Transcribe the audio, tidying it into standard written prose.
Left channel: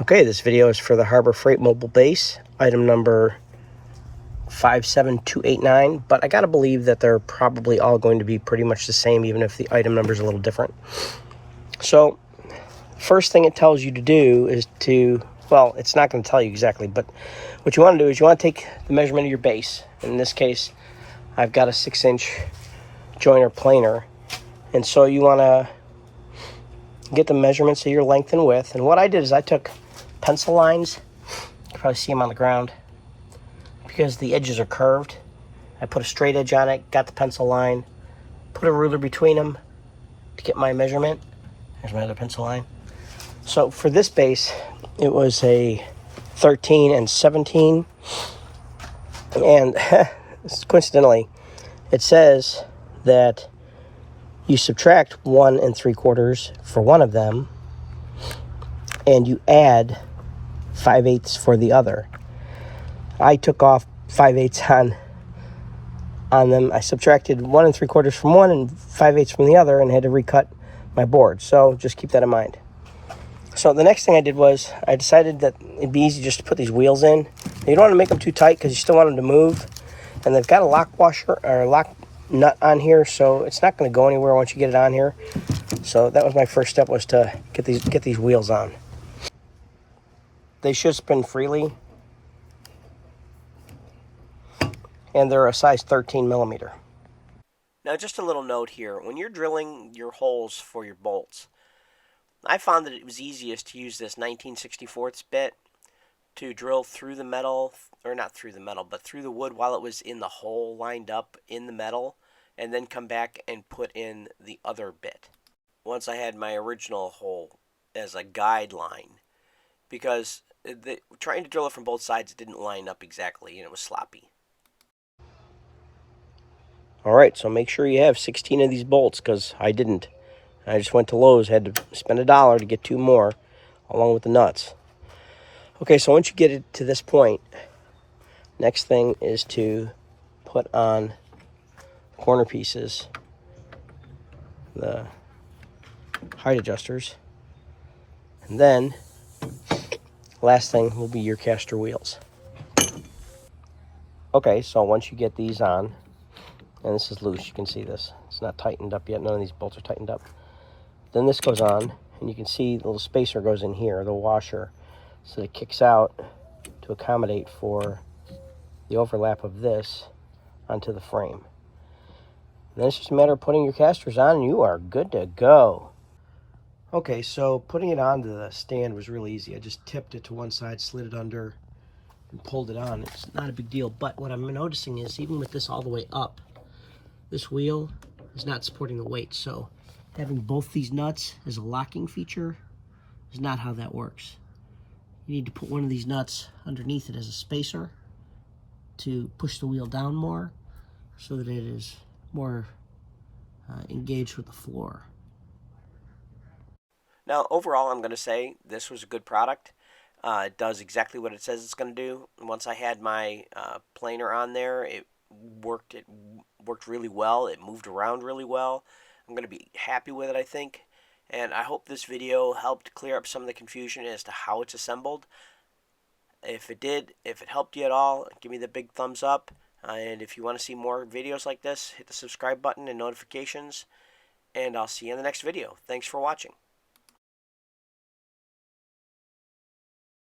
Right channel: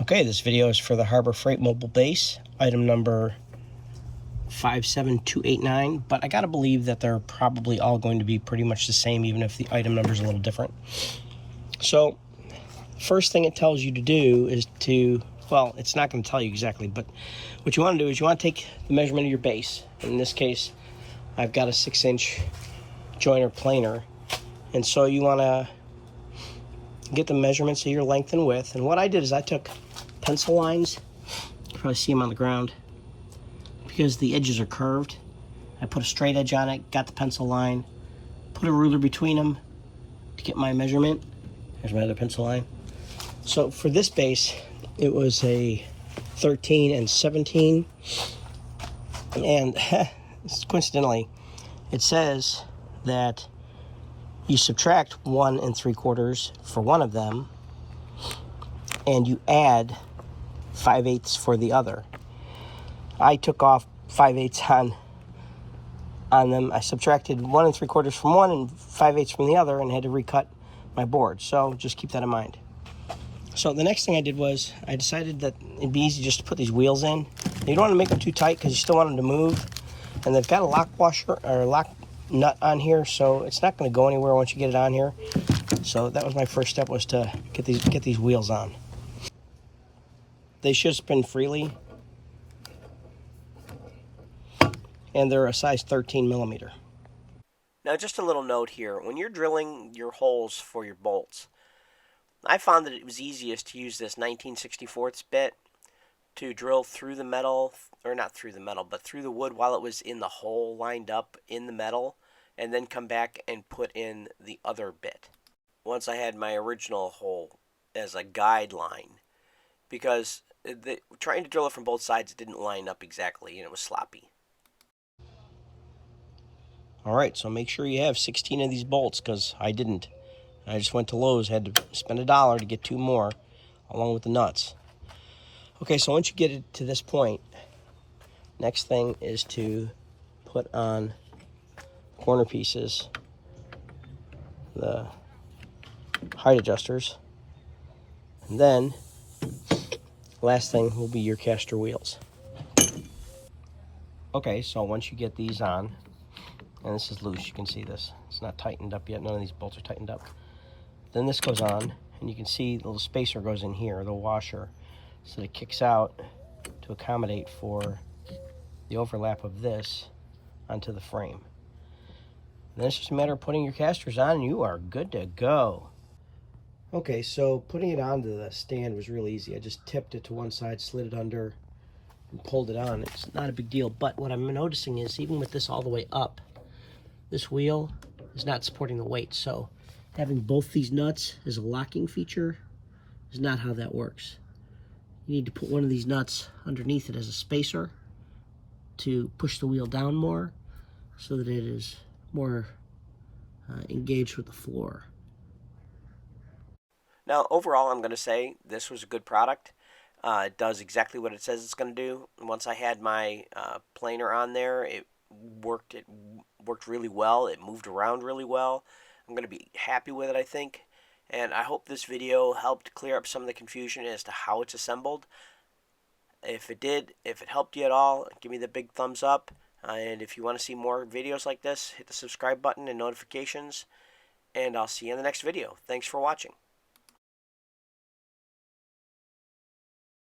Okay, this video is for the Harbor Freight Mobile Base, item number 57289, but I gotta believe that they're probably all going to be pretty much the same, even if the item number is a little different. So, first thing it tells you to do is to, well, it's not going to tell you exactly, but what you want to do is you want to take the measurement of your base. In this case, I've got a 6-inch joiner planer, and so you want to get the measurements of your length and width. And what I did is I took pencil lines. You can probably see them on the ground because the edges are curved. I put a straight edge on it, got the pencil line, put a ruler between them to get my measurement. Here's my other pencil line. So for this base, it was a 13 and 17. And coincidentally, it says that you subtract 1 3/4 for one of them, and you add 5/8 for the other. I took off 5/8 on them. I subtracted 1 3/4 from one and 5/8 from the other, and had to recut my board. So just keep that in mind. So the next thing I did was I decided that it'd be easy just to put these wheels in. You don't want to make them too tight because you still want them to move. And they've got a lock washer or a lock nut on here, so it's not going to go anywhere once you get it on here. So that was my first step, was to get these wheels on. They should spin freely, and they're a size 13 millimeter. Now, just a little note here: when you're drilling your holes for your bolts, I found that it was easiest to use this 19/64 bit to drill through the metal, or not through the metal, but through the wood while it was in the hole lined up in the metal, and then come back and put in the other bit once I had my original hole as a guideline, because trying to drill it from both sides, it didn't line up exactly and it was sloppy. Alright, so make sure you have 16 of these bolts, because I didn't. I just went to Lowe's, had to spend $1 to get 2 more along with the nuts. Okay, so once you get it to this point, next thing is to put on corner pieces, the height adjusters, and then last thing will be your caster wheels. Okay, so once you get these on, and this is loose, you can see this, it's not tightened up yet, none of these bolts are tightened up. Then this goes on, and you can see the little spacer goes in here, the washer, so that it kicks out to accommodate for the overlap of this onto the frame. Then it's just a matter of putting your casters on, and you are good to go. Okay, so putting it onto the stand was really easy. I just tipped it to one side, slid it under, and pulled it on. It's not a big deal, but what I'm noticing is even with this all the way up, this wheel is not supporting the weight. So having both these nuts as a locking feature is not how that works. You need to put one of these nuts underneath it as a spacer to push the wheel down more so that it is more engaged with the floor. Now, overall, I'm going to say this was a good product. It does exactly what it says it's going to do. Once I had my planer on there, it worked really well. It moved around really well. I'm going to be happy with it, I think. And I hope this video helped clear up some of the confusion as to how it's assembled. If it did, if it helped you at all, give me the big thumbs up. And if you want to see more videos like this, hit the subscribe button and notifications. And I'll see you in the next video. Thanks for watching.